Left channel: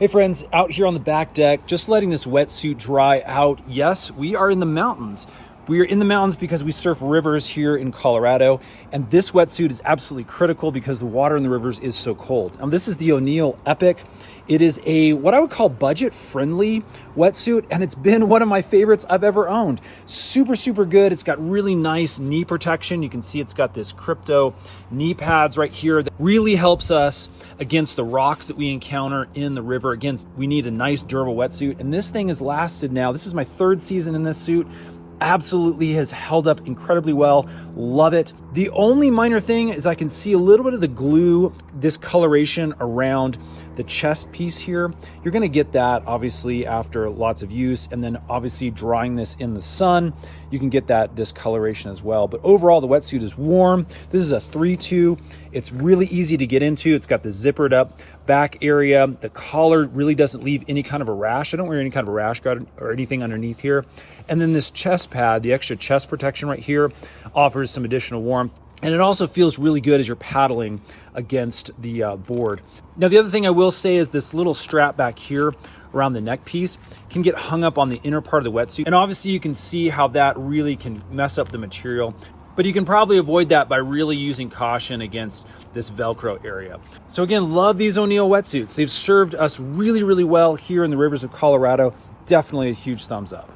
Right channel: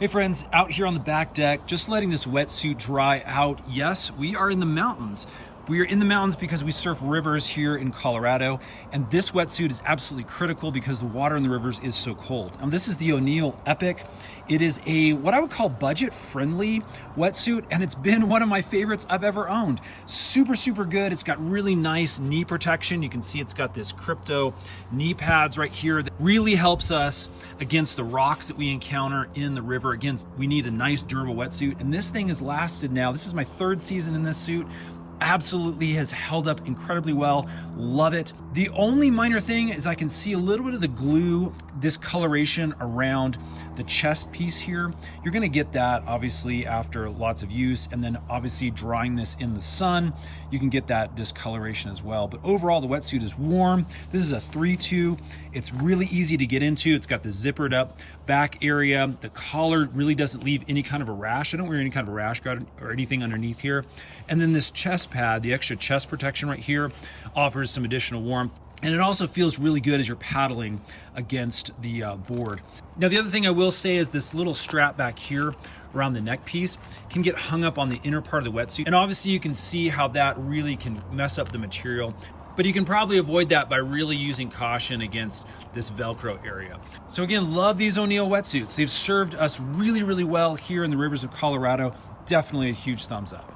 Hey friends, out here on the back deck, just letting this wetsuit dry out. Yes, we are in the mountains. We are in the mountains because we surf rivers here in Colorado, and this wetsuit is absolutely critical because the water in the rivers is so cold. This is the O'Neill Epic. It is a what I would call budget-friendly wetsuit, and it's been one of my favorites I've ever owned. Super, super good. It's got really nice knee protection. You can see it's got this crypto knee pads right here that really helps us against the rocks that we encounter in the river. Again, we need a nice durable wetsuit, and this thing has lasted now. This is my third season in this suit. Absolutely has held up incredibly well. Love it. The only minor thing is I can see a little bit of the glue discoloration around the chest piece here. You're gonna get that obviously after lots of use, and then obviously drying this in the sun, you can get that discoloration as well. But overall, the wetsuit is warm. This is a 3-2. It's really easy to get into. It's got the zippered up back area. The collar really doesn't leave any kind of a rash. I don't wear any kind of a rash guard or anything underneath here. And then this chest pad, the extra chest protection right here, offers some additional warmth. And it also feels really good as you're paddling against the board. Now, the other thing I will say is this little strap back here around the neck piece can get hung up on the inner part of the wetsuit. And obviously you can see how that really can mess up the material, but you can probably avoid that by really using caution against this Velcro area. So again, love these O'Neill wetsuits. They've served us really, really well here in the rivers of Colorado. Definitely a huge thumbs up.